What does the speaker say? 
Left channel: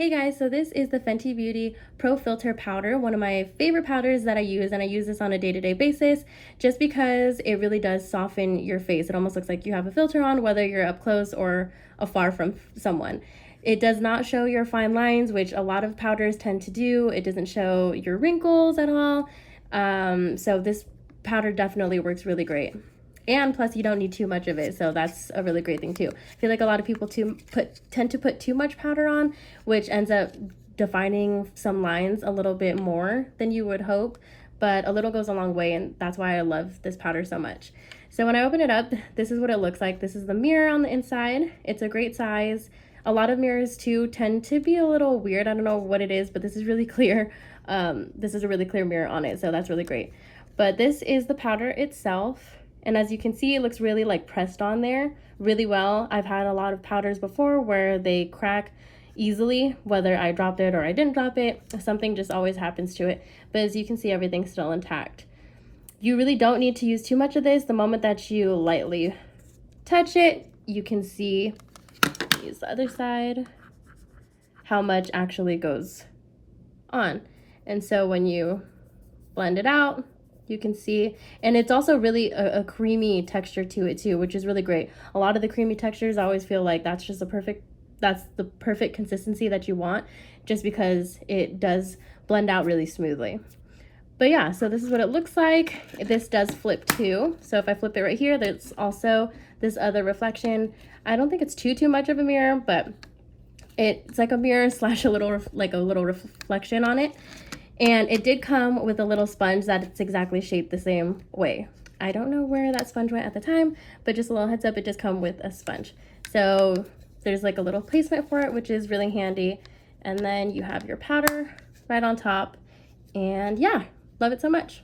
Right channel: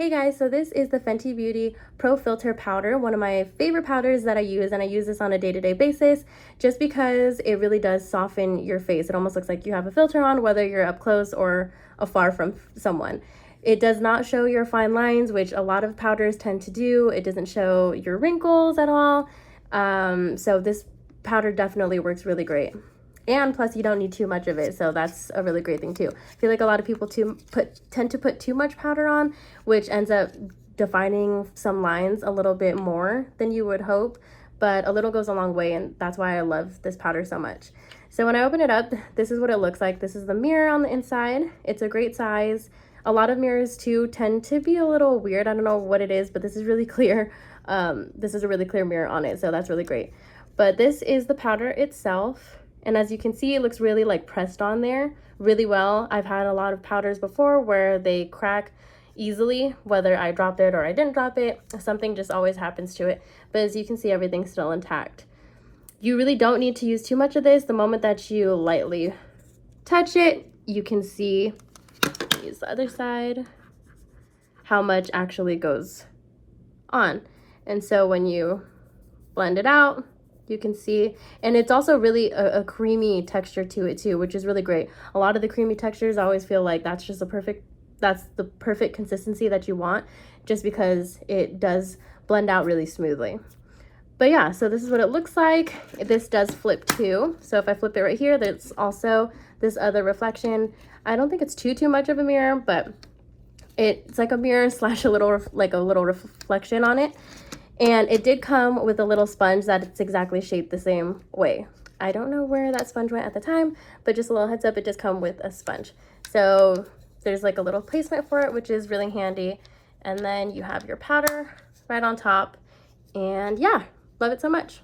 Hey guys, so this is the Fenty Beauty Pro Filter powder, one of my favorite powders that I use, and I use this on a day-to-day basis just because it really does soften your face. It almost looks like you have a filter on, whether you're up close or afar from someone. It does not show your fine lines, which a lot of powders tend to do. It doesn't show your wrinkles at all. So this powder definitely works really great. And plus you don't need too much of it, so that's a really great thing too. I feel like a lot of people tend to put too much powder on, which ends up defining some lines a little bit more than you would hope, but a little goes a long way, and that's why I love this powder so much. So when I open it up, this is what it looks like. This is the mirror on the inside. It's a great size. A lot of mirrors too tend to be a little weird. I don't know what it is, but this is really clear. This is a really clear mirror on it, so that's really great. But this is the powder itself. And as you can see, it looks really like pressed on there really well. I've had a lot of powders before where they crack easily, whether I dropped it or I didn't drop it. Something just always happens to it. But as you can see, everything's still intact. You really don't need to use too much of this. The moment that you lightly touch it, you can see, use the other side, how much actually goes on. And so when you blend it out, you can see, and it's also really a creamy texture to it too, which is really great. A lot of the creamy textures, I always feel like that's the perfect consistency that you want, just because it does blend out really smoothly. But yeah, so this is what it looks like. This does flip too. So if I flip it right here, there's also this other reflection. I don't think it's too much of a mirror, but it's like a mirror slash a little reflection on it. And it did come with a little sponge that's exactly shaped the same way. I don't know where that sponge went at the time, but just a little heads up, it does come with a sponge. So there's like a little placement for it, which is really handy. And then you have your powder right on top. And yeah, love it so much.